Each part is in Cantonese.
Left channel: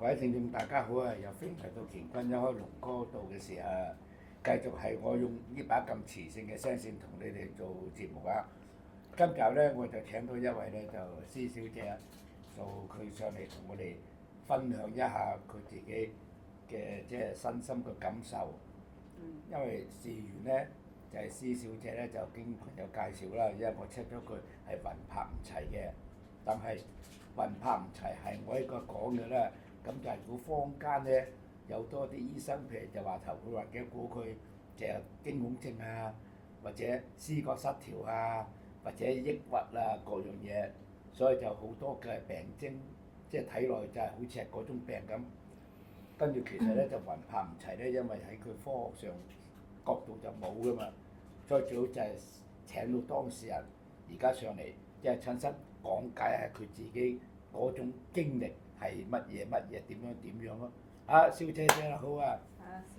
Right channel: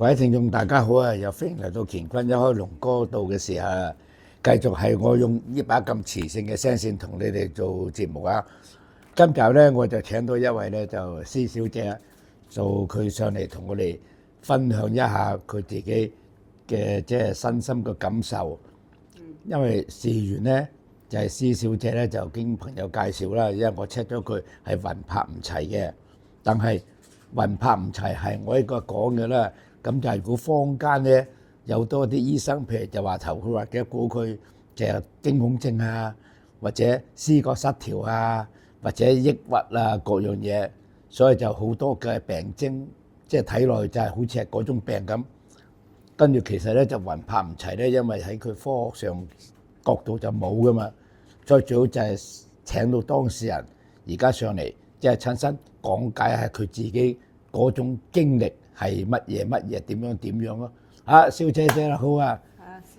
各位聽眾大家好啊！又歡迎嚟到乾坤一開龍哥道嘅時候啊，繼續係我用呢把咁磁性嘅聲線同你哋做節目啊！今集咧我就請到一位咧就施小姐，做佢上嚟同我哋分享一下佢自己嘅即係身心嘅感受。因為事緣咧就係施小姐咧就經朋友介紹啦，因為我 check 咗佢係魂魄唔齊嘅，但係魂魄唔齊係我呢個講嘅啦。咁就係如果坊間咧有多啲醫生，譬如就話頭佢或者估佢就係驚恐症啊，或者思覺失調啊，或者抑鬱啊各樣嘢，所以就好多嘅病徵，即係睇落去就係好似係嗰種病咁。跟住其實咧就魂魄唔齊咧，因為喺佢科學上角度就冇噶嘛，所以最好就係請到當事人而家上嚟，即係親身講解下佢自己嗰種經歷係乜嘢點樣咯。啊，小姐姐好啊，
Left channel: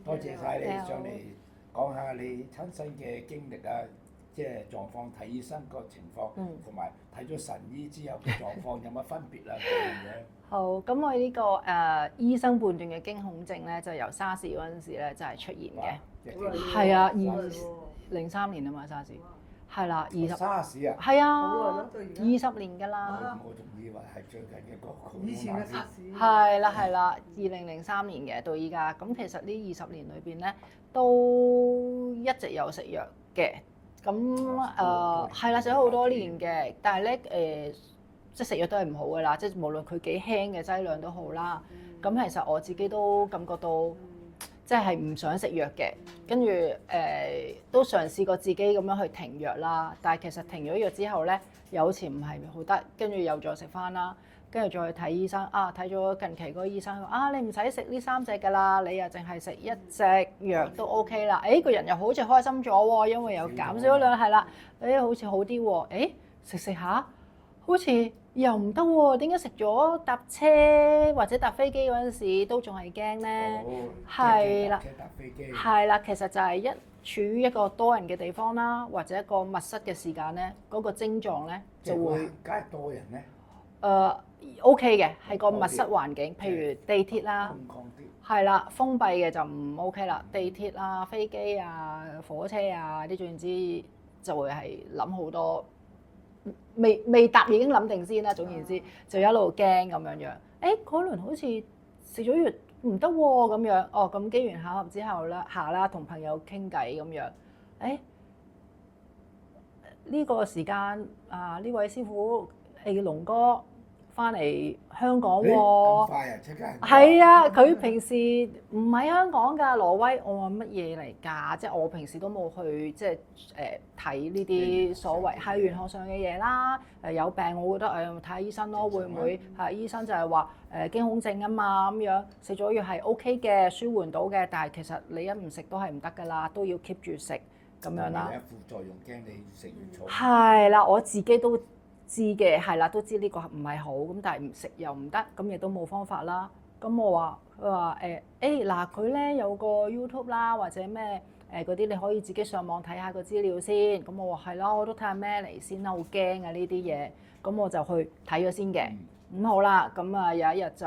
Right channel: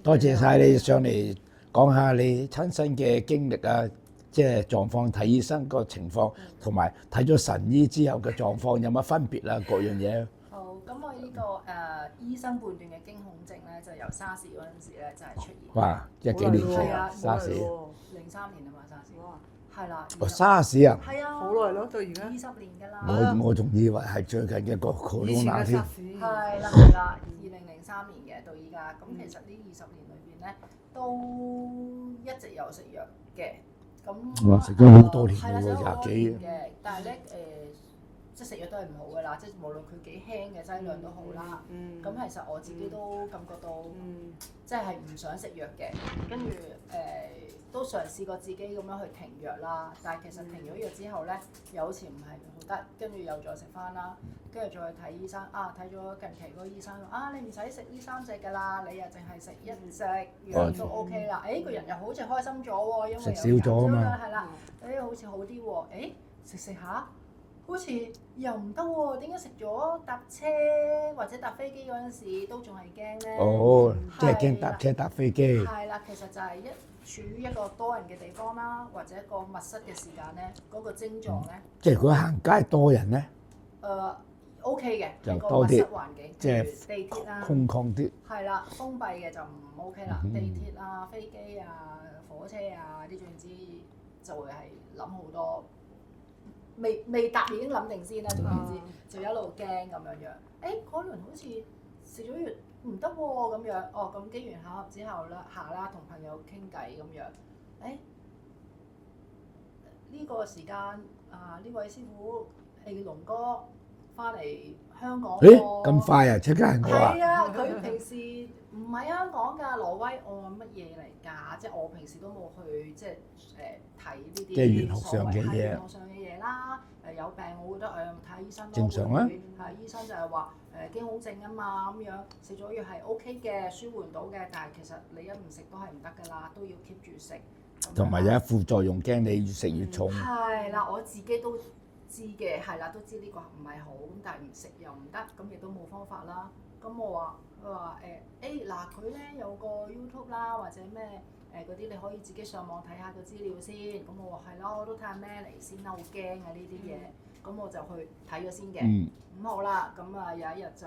多謝晒你上嚟講下你親身嘅經歷啊，即係狀況睇醫生個情況，同埋睇咗神醫之後嘅狀況有乜分別啊？各樣嘢。好，咁我呢個醫生判斷嘅驚恐症咧，就由沙士嗰陣時咧就係出現嘅。哇！即係幾年前係啊，沙士03年啊嘛，沙士係啦，沙士啊，係啊，好耐咯，到而家20年㗎啦。我仲以為係最近嘅個 corona 添。係啦，2003年嘅到依家，咁其實呢20年裏邊咧都一直有食藥嘅，咁食咗好多年係啦，食咗好多年廿幾嘅，但係咧即係食藥都係唔好㗎啦，即係無論佢幾輕嘅劑量都好啦。咁其實我自己都感覺到，即係唔想食藥嘅，跟住都嘗試過自己咁樣去停藥啦。但係其實停咗藥之後咧，又好似唔係好得，跟住又再食翻啦，跟住再去睇醫生啊，睇咗近期嗰個醫生啊，你唔使食呢3隻㗎啦，你又淨係食1隻藥都 OK 啦。誒個人又好似開心咗喎，因為有減少量係啦，好似好啲喎。食食下。好似又唔得喎，點解食咗搭車或者搭飛機嗰陣時都仲係驚咧？哦，即係驚搭車搭飛機。係啦，其實就係處於一個多人嘅地方啦，或者一個密室嘅時間咧，嗰個症狀咧。即係如果行街多人咧？OK 嘅，係個密室環境，譬如地鐵啦，空曠啲。係啦，封閉嘅就唔 OK 啦。地鐵啊、飛機啊、火車啊啲，總之就會係諗好多。未答已經諗定先啦，總言之就一路驚咁樣樣。嗰輪好似食咗藥唔得喎咁樣，咁機緣巧合之後啦同朋友傾偈咁樣，呢個時間呢位師傅龍哥翻嚟香港喎，咁快啊！即刻係啊！佢平時唔喺香港㗎，挪威。我話乜嘢嚟㗎？即係我平時都冇去即係睇呢啲所謂係玄學上嘅嘢啦。有病我覺得睇下醫生咯，會唔會係醫生就係話驚恐症啊嘛咁樣，食咗藥係 OK 嘅，舒緩到嘅。但係其實你一唔食都係唔得㗎啦，都要 keep 住食咁樣啦。同埋有副作用，驚你越食越重。係啦，我自己都知嘅，係啦，都知呢個唔係好咁，但係唔食又唔得，咁亦都冇方法啦。咁我話佢話嗱，佢咧有個 YouTube 啦，或者咩嗰啲你可以自己上網睇下個資料先。咁我話係啦，我都睇下咩嚟先啦，好驚啊呢啲嘢。咁我就去睇咗先嘅。咁好啦，咁有一日就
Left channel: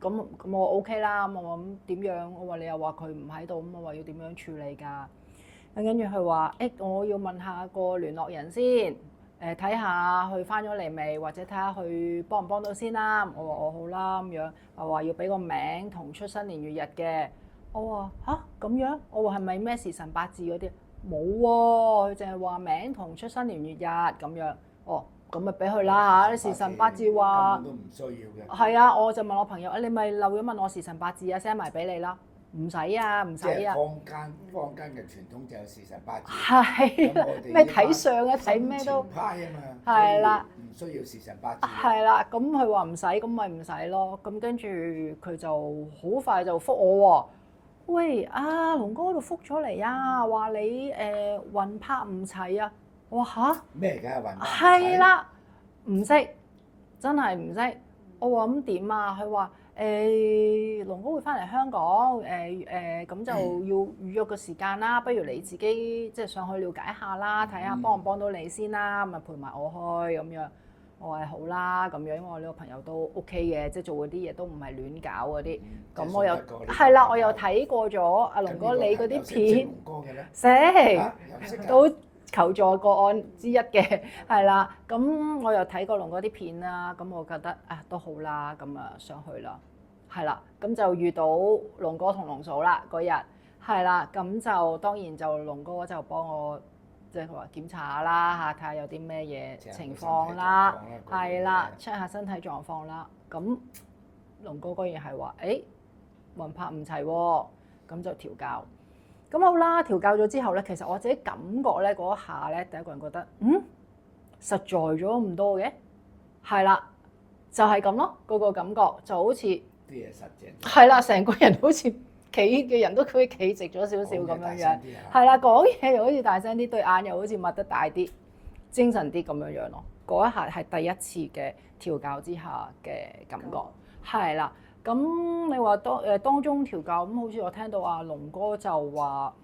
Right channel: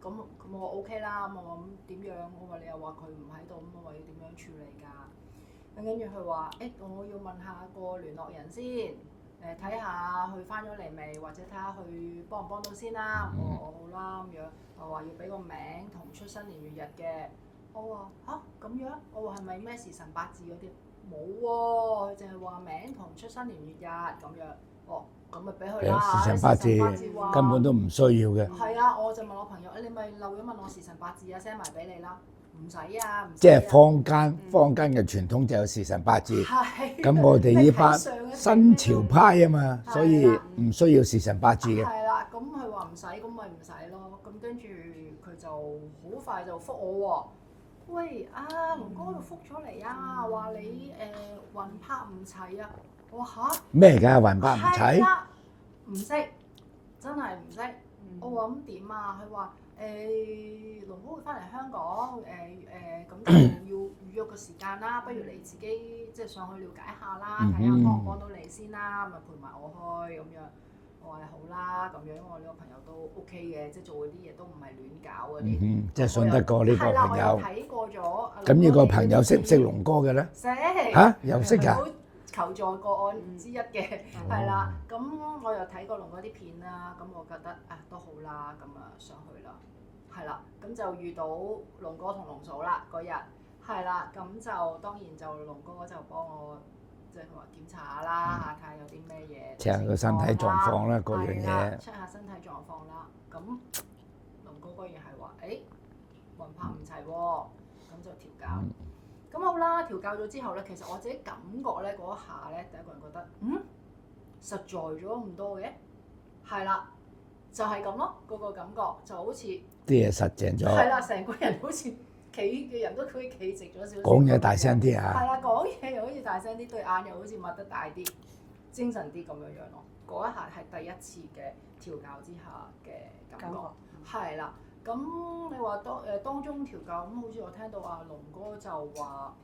咁我 OK 啦。咁我諗點樣？我話你又話佢唔喺度，咁我話要點樣處理㗎？跟住佢話我要問下個聯絡人先。睇下佢翻咗嚟未，或者睇下佢幫唔幫到先啦。我話我好啦咁樣，我話要俾個名同出生年月日嘅。我話咁樣，我話係咪咩時辰八字嗰啲？冇喎，佢淨係話名同出生年月日咁樣。咁咪俾佢啦嚇。時辰八字話根本都唔需要嘅。係啊，我就問我朋友，你咪漏咗問我時辰八字啊 ，send 埋俾你啦。唔使啊，唔使即係坊間嘅傳統就有時辰八字，咁我哋呢班新潮派啊嘛，所以唔需要時辰八字嘅。係啦，咁佢話唔使，咁咪唔使咯。咁跟住佢就好快就覆我喎。喂，龍哥度覆咗嚟啊，話你魂魄唔齊啊。我話吓？咩㗎魂魄唔齊？係啦，唔識，真係唔識。我話咁點啊？佢話。龍哥會翻嚟香港，咁就要預約個時間啦。不如你自己即係上去了解下啦，睇下幫唔幫到你先啦，咁啊陪埋我去咁樣。我係好啦咁樣，因為我呢個朋友都 OK 嘅，即係做嗰啲嘢都唔係亂搞嗰啲。即係信得過呢個係啦，我朋友。又睇過咗阿咁呢個龍哥你朋友識唔識龍哥嘅咧？識嚇，又識㗎？好求助個案之一嘅，係啦。咁我又睇過龍哥啲片啦，咁我覺得啊都好啦，咁啊上去啦，係啦。咁就遇到龍哥同龍嫂啦嗰日，係啦。咁就當然就龍哥就幫我。即係佢話檢查下啦嚇，睇下有啲咩嘢，check 下個身體狀況啦，嗰樣嘢。係啦，check 下身體狀況啦。咁龍哥居然係話：誒魂魄唔齊喎，咁就調教。咁好啦，調教咗之後咧，其實我自己感覺咧嗰一下咧，第一個人覺得實在咗咁多嘅，係啦，就係咁咯，嗰個感覺就好似啲嘢實淨咗。係啦，成個人好似〜企嘅人都可以企直咗少少，講嘢大聲啲啊！係啦，講嘢又好似大聲啲，對眼又好似擘得大啲，精神啲咁樣樣咯。嗰一下係第一次嘅調教之下嘅感覺，係啦。咁你話當中調教咁，好似我聽到阿龍哥就話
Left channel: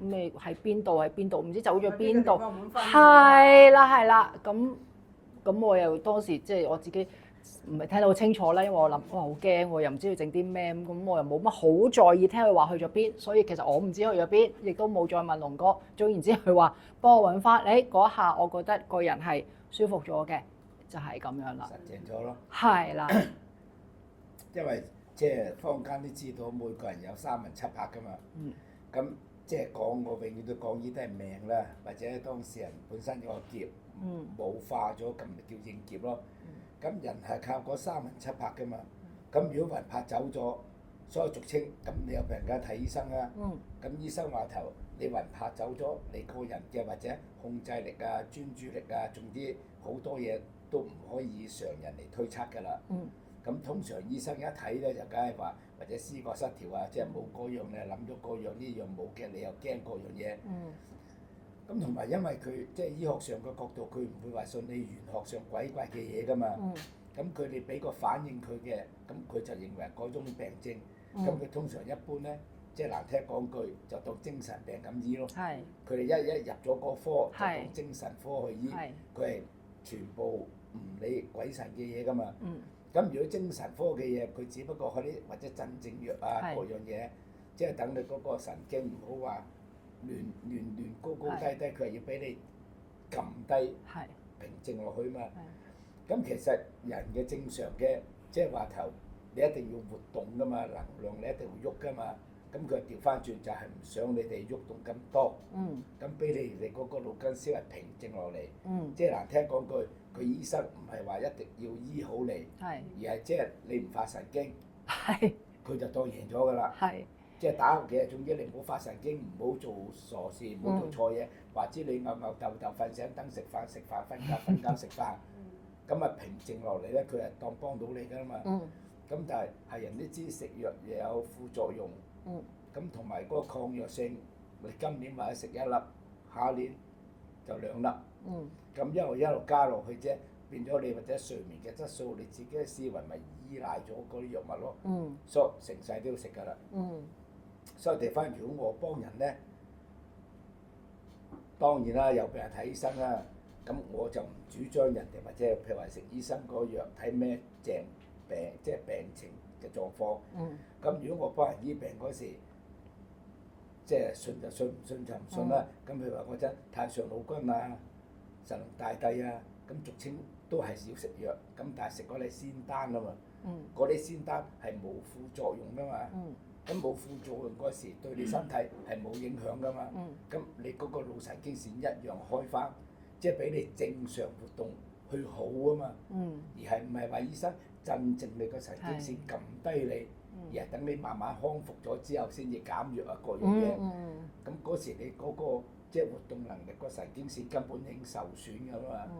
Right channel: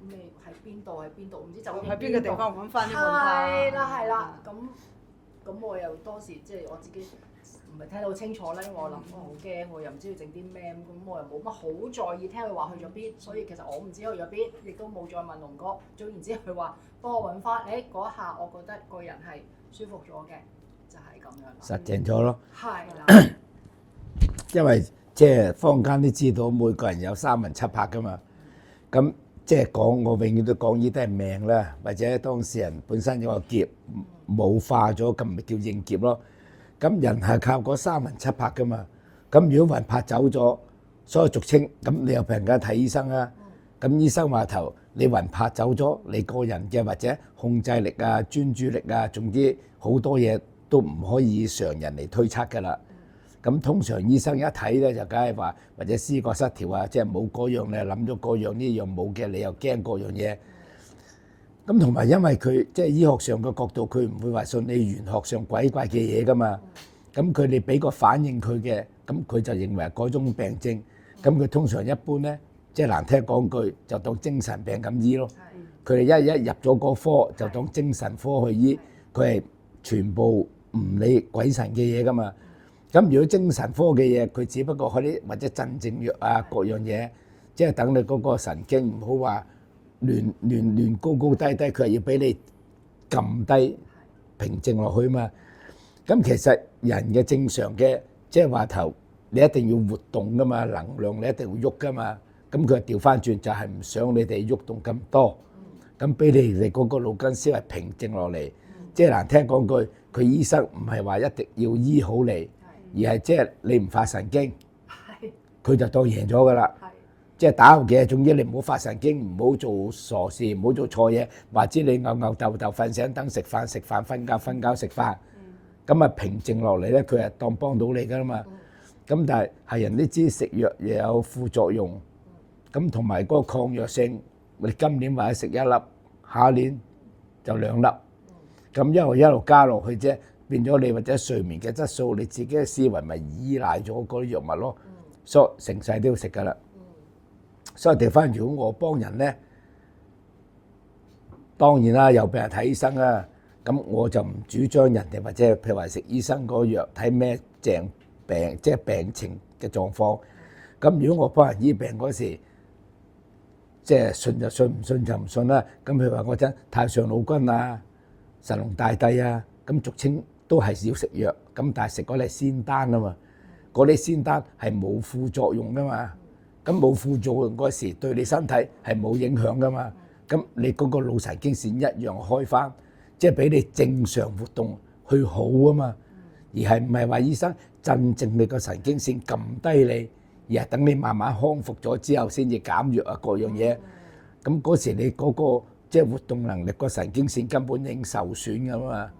咩喺邊度，唔知走咗邊度，係啦。咁我又當時即係我自己。唔係聽到好清楚啦，因為我諗哇好驚喎，又唔知要整啲咩咁，我又冇乜好在意聽佢話去咗邊，所以其實我唔知去咗邊，亦都冇再問龍哥。總言之，佢話幫我揾翻，嗰一下我覺得個人係舒服咗嘅，就係咁樣啦。實淨咗咯。係啦，因為即係坊間都知道每個人有三魂七魄噶嘛，咁即係講我永遠都講呢啲係命啦，或者當事人本身有個劫冇化咗，咁咪叫應劫咯。咁人係靠嗰三魂七魄噶嘛，咁如果魂魄走咗，所以俗稱咁你又俾人家睇醫生啊，咁醫生話頭你魂魄走咗，你個人嘅或者控制力啊、專注力啊，總之好多嘢都唔可以以常人嚟推測噶啦。咁通常醫生一睇咧就梗係話或者思覺失調啊，即係冇嗰樣你又諗咗嗰樣，呢樣冇嘅你又驚嗰樣嘢。咁同埋因為佢即係醫學上嘅角度，佢唔會話信你玄學上鬼怪嘅嘢噶嘛。咁佢哋俾個反應佢嘅，咁佢就認為係嗰種病症。咁佢通常一般咧，即係難聽講句，就當精神病咁醫咯。佢哋一入咗嗰科就當精神科去醫，佢係全部唔理鬼神嘅嘢噶嘛。咁如果精神科嘅嘢，佢只不過開啲或者鎮靜藥啊各樣嘢，即係等你嗰個神經唔好話亂高高低低，佢係要俾你撳低平靜落去嘛。咁其實人嘅正常嘅即係話頭，你一定要活動噶嘛，能量你一定要喐噶嘛。咁佢調翻轉就係唔想你哋喐動咁多，咁俾你哋嗰個腦筋思維平靜落嚟。即係難聽講句，佢醫生唔係話一定要醫好你，而係即係你唔發神經，佢就當贏咗噶啦。即係打嘅，總之你唔好發神經，唔好做傻事，唔好做錯嘢，或者你吽吽豆瞓醒等食飯瞓覺食飯，咁啊平靜落嚟咧，佢係當幫到你噶啦嘛。咁但係人都知食藥又有副作用，咁同埋嗰個抗藥性，你今年或者食一粒，下一年就兩粒，咁一路加落去啫，變咗你或者睡眠嘅質素，你自己嘅思維咪依賴咗嗰啲藥物咯。所以成世都要食噶啦。所以調翻，如果我幫人咧，當然啦，又俾人睇醫生啦，咁我就唔主張人哋或者譬如話食醫生嗰個藥睇咩病，即係病情嘅狀況。咁如果我幫人醫病嗰時，即係信就信，唔信就唔信啦。咁譬如話我真太上老君啊、神龍大帝啊，咁俗稱都係要食藥，咁但係食嗰啲係仙丹啊嘛，嗰啲仙丹係冇副作用噶嘛。咁冇副作用嗰時對你身體係冇影響噶嘛，咁你嗰個腦神經線一樣開翻，即係俾你正常活動去好啊嘛，而係唔係話醫生鎮靜你個神經線撳低你，而係等你慢慢康復咗之後先至減藥啊各樣嘢，咁嗰時你嗰個即係活動能力個神經線根本已經受損噶嘛，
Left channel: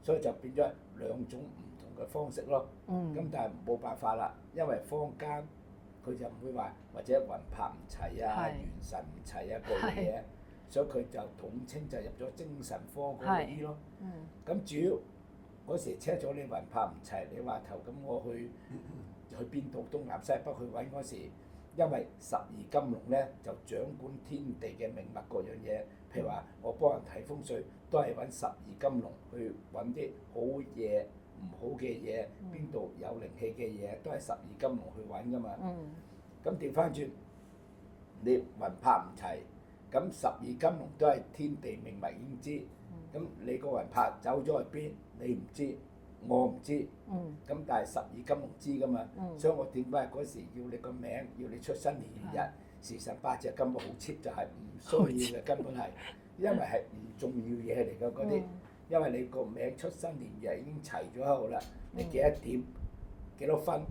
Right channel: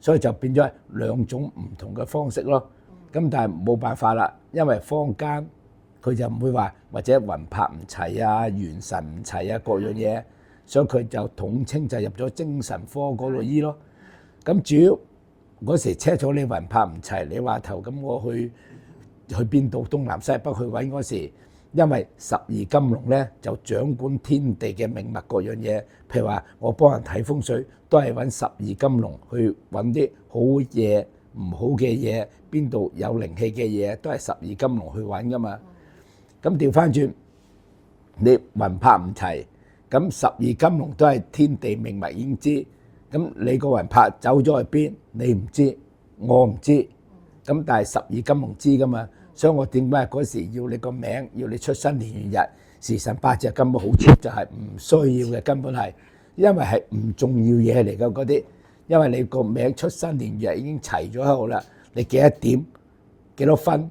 所以就變咗係兩種唔同嘅方式咯。咁但係冇辦法啦，因為坊間佢就唔會話或者魂魄唔齊啊、元神唔齊啊各樣嘢，所以佢就統稱就入咗精神科嗰度醫咯。咁主要嗰時 check 咗你魂魄唔齊，你話頭咁我去邊度東南西北去揾嗰時，因為十二金龍咧就掌管天地嘅命脈各樣嘢。譬如話我幫人睇風水，都係揾十二金龍去揾啲好嘢、唔好嘅嘢，邊度有靈氣嘅嘢，都係十二金龍去揾噶嘛。咁調翻轉，你魂魄唔齊，咁十二金龍都係天地命脈已經知，咁你個魂魄走咗去邊，你唔知，我唔知。咁但係十二金龍知噶嘛，所以我點解嗰時要你個名，要你出生年月日、時辰八字根本好 cheap，就係唔需要嘅，根本係，因為係唔重要嘢嚟㗎嗰啲，因為你個名出生年月日已經齊咗喺度啦，你幾多點、幾多分，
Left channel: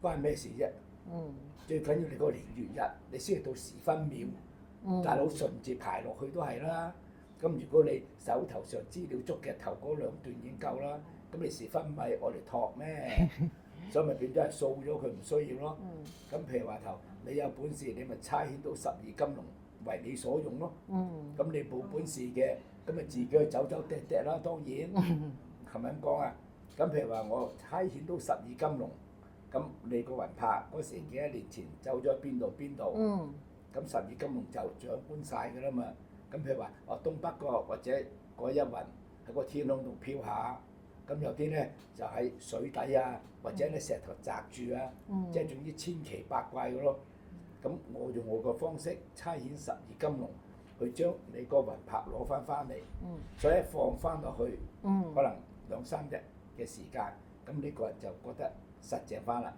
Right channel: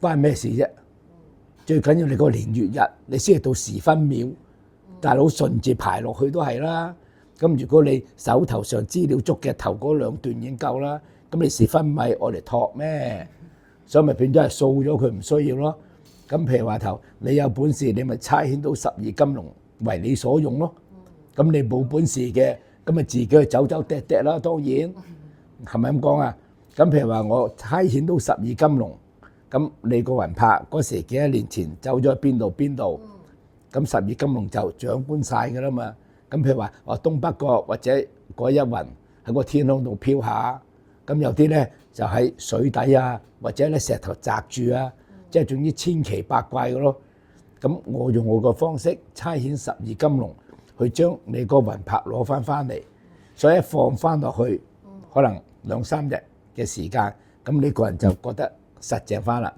關咩事啫？最緊要你個年月日，你先係到時分秒，大佬順住排落去都係啦。咁如果你手頭上資料足嘅，頭嗰兩段已經夠啦。咁你時分咪我嚟托咩？所以咪變咗係掃咗佢唔需要咯。咁譬如話頭，你有本事你咪差遣到十二金龍為你所用咯。咁你冇本事嘅，咁咪自己去走走趯趯啦。當然係咪咁講啊？咁譬如話我差遣到十二金龍，咁你個魂魄嗰時幾多年前走咗去邊度？咁十二金龍就掌管晒㗎啦嘛。咁譬如話我東北角或者嗰一雲喺個天空度飄下。咁有啲咧就喺水底啊，或者咧石頭擲住啊，即係總之千奇百怪嘅咯。咁我用我個方式差遣十二金龍去將你個魂魄攞翻嚟，所以一放翻落去，可能2、3日嘅時間，咁你個人就覺得實淨翻啦。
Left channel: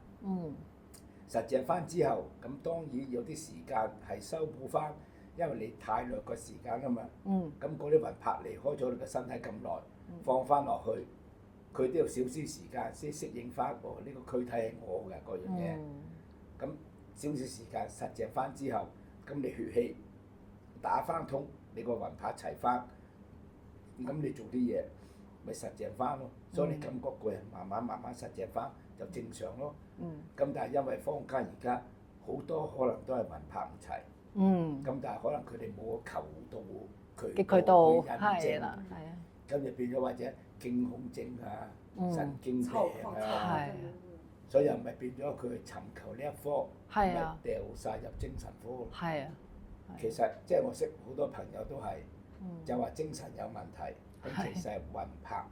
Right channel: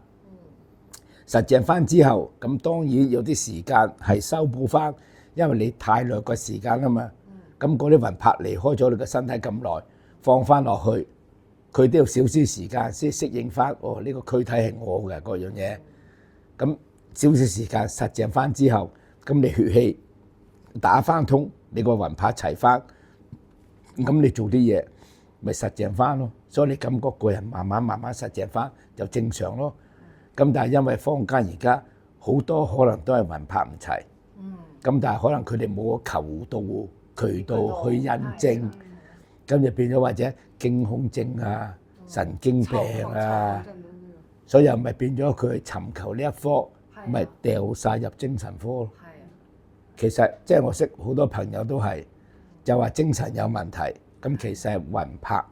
實淨翻之後，咁當然有啲時間係修補翻，因為你太耐個時間啊嘛。咁嗰啲魂魄離開咗你個身體咁耐，放翻落去。佢都要少少時間先適應翻，哦呢個軀體係我嘅嗰樣嘢。咁少少時間實淨翻之後，咁你血氣打翻通，你個魂魄齊翻，咁你做啲嘢咪實淨翻咯。所以你感覺個人慢慢實淨翻就正常咯。咁但係因為坊間而家好多可能都係魂魄唔齊，咁但係可能佢哋冇個求道渠道去印證，咁就變咗或者驚恐症啊、神經病啊，所以又咪變咗佢尋求呢一科，咪掉晒入精神科咯。其實即係我識好多朋友都係就話精神有問題，咁其實係魂魄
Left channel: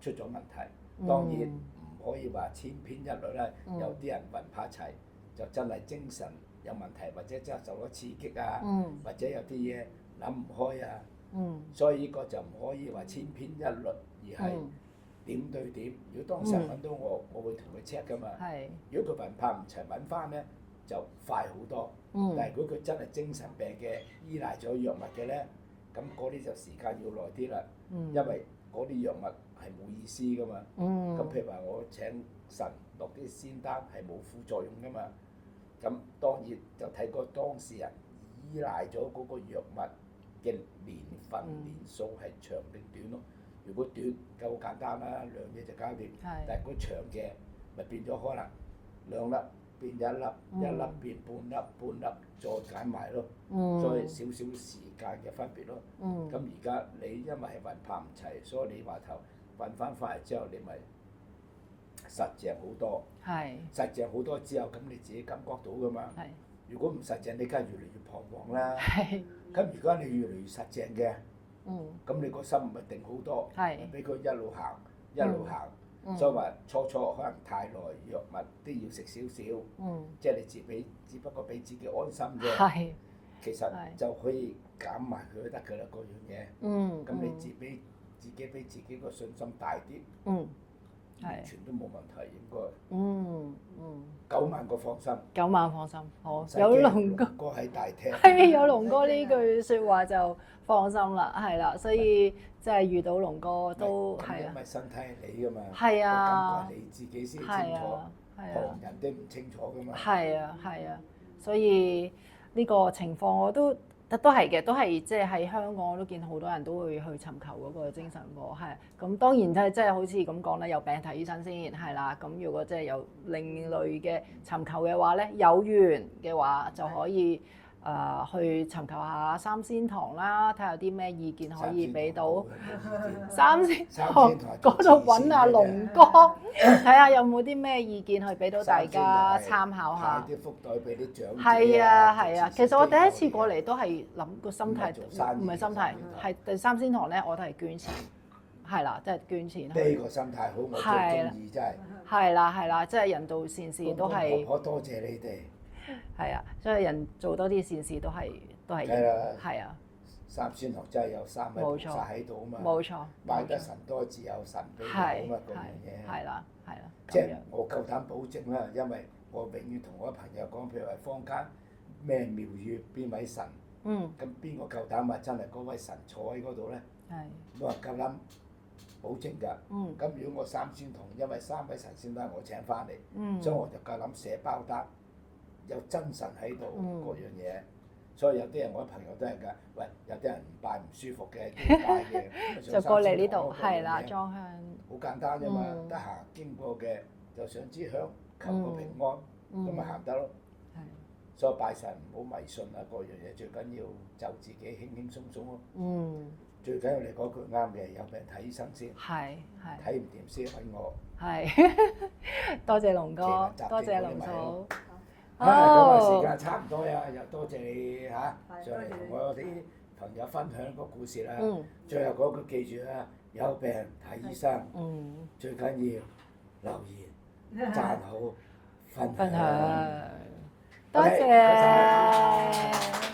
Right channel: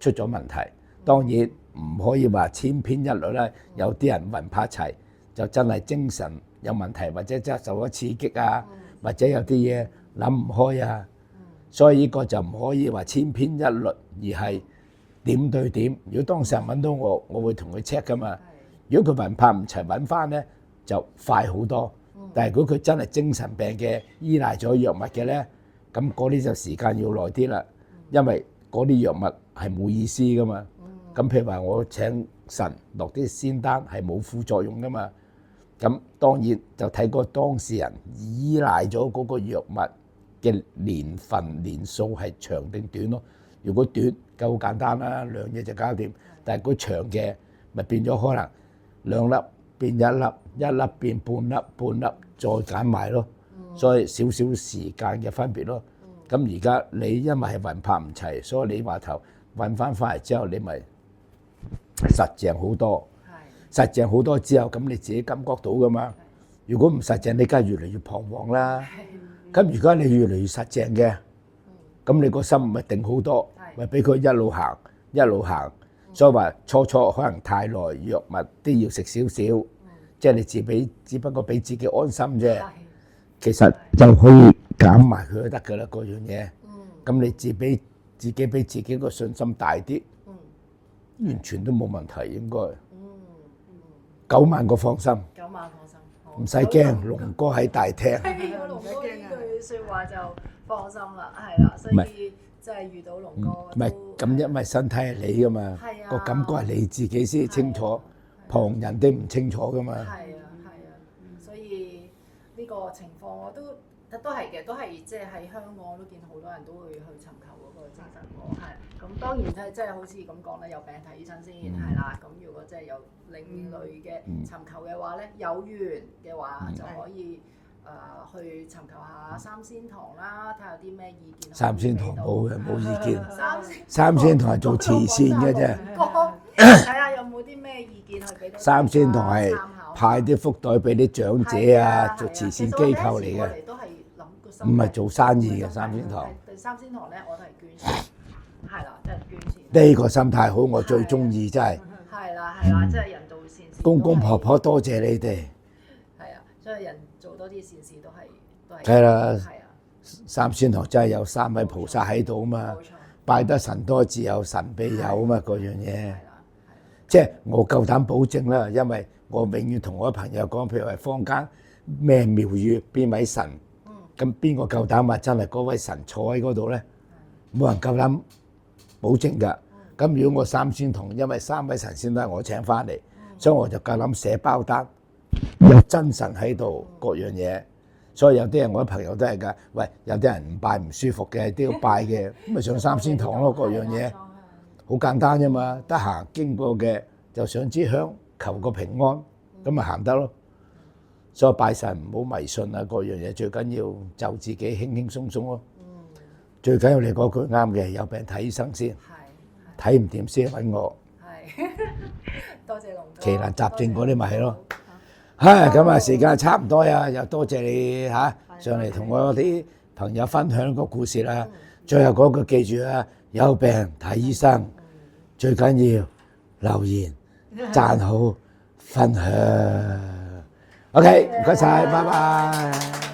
出咗問題。當然唔可以話千篇一律啦，有啲人魂魄齊就真係精神有問題，或者真係受咗刺激啊，或者有啲嘢諗唔開啊。所以呢個就唔可以話千篇一律，而係點對點。如果當事人揾到我，我會同佢 check 噶嘛。如果佢魂魄唔齊揾翻咧，就快好多。但係如果佢真係精神病嘅，依賴咗藥物嘅咧，咁嗰啲就時間要耐啲啦。因為嗰啲藥物係冇意思噶嘛。咁譬如話我請神落啲仙丹係冇副作用噶嘛。咁當然就睇個當事人依賴咗嗰個藥物嘅年份年數係長定短咯。如果短夠簡單啦，2嘢就搞掂。但係如果長嘅咪變咗可能2粒變1粒，1粒變半粒，半粒再減埋咯。所以少少時間嘅分別咯。咁而家你因為係魂魄唔齊，所以你話頭揾翻嚟之後，你咪實淨好多。實淨好多之後，咁你自己感覺到噶嘛。如果唔實淨，你梗係越嚟越彷徨啦。咁如果你越嚟越實淨嘅，咁你個心咪定好多，咪俾佢一路行一路行。所以話初可能太耐，藥物都要食少少，即係你只不過俾自己安心啫。其實就可以減埋佢就得㗎啦，嗰樣嘢。咁你自己俾自己個信心大啲，完全都冇問題應該。9萬個放心，9萬放心，唔使驚。龍哥喺大廳，有龍哥呢句説話就放心啦，係啦，所以即係遇到龍哥都咁，因為身體係你噶嘛，個感覺係你自己先清楚，旁人都唔清楚噶嘛。係啊，所以呢個情況我都係嘅，都係即係喺香港我都見好多人都會去尋求嗰個精神科，係咁當然即係好似咁講咧，有病睇醫生先係啦。咁如果即係有另類嘅尋求嘅話咧，有緣嘅話就可以去尋求下三仙堂啦，睇下有啲咩意見可三仙堂以俾到。冇嘅，冇意見。三仙堂係做慈善嘅啫。睇下有冇啲咩意見去俾到大家三仙堂係參考下。派啲福袋俾啲長者啊，做慈善機其實我第構一次過嚟嘅。嚟都係諗個心態，唔係做生意嘅唔係心態三仙堂係第三仙堂咧，我都係捐錢，係啦，即係捐錢。呢個心態好，我最中意真係。係啦，即係人道善事。公公婆婆多謝你哋。係啊，所以人做多啲善事都係。係啦。係啊。三仙堂真係有三位菩薩喺度啊嘛。冇錯。拜得神多自有神庇佑啊嘛，嗰樣嘢。係啦。即係我夠膽保證啦，因為我永遠同我朋友講，譬如話坊間咩廟宇邊位神，咁邊個夠膽話真係嗰位神坐喺嗰度咧？冇人夠膽保證㗎。咁如果我三仙堂，因為三位神仙都係我請翻嚟，所以我就夠膽寫包單，有真神喺度各樣嘢。所以有啲人我啲朋友都係㗎，喂，有啲人唔拜唔舒服嘅都要拜嘅，咁咪上三仙堂咯，各樣嘢。好簡單啫嘛，得閒經過嘅就上支香，求個平安，咁咪行得咯。所以拜神唔好迷信啊，各樣嘢最緊要就自己輕輕鬆鬆咯。最緊要你嗰句啱嘅，有病睇醫生先，睇唔掂先揾我。係，多謝龍哥。奇難雜症嗰啲咪係咯。唉，咁啊時間差唔多呀，又多謝你嚇上嚟同我啲朋友分享個故事啦。最後嗰句記住啊，有病睇醫生，最緊要留言、讚好、分享。OK，唔該曬，拜拜。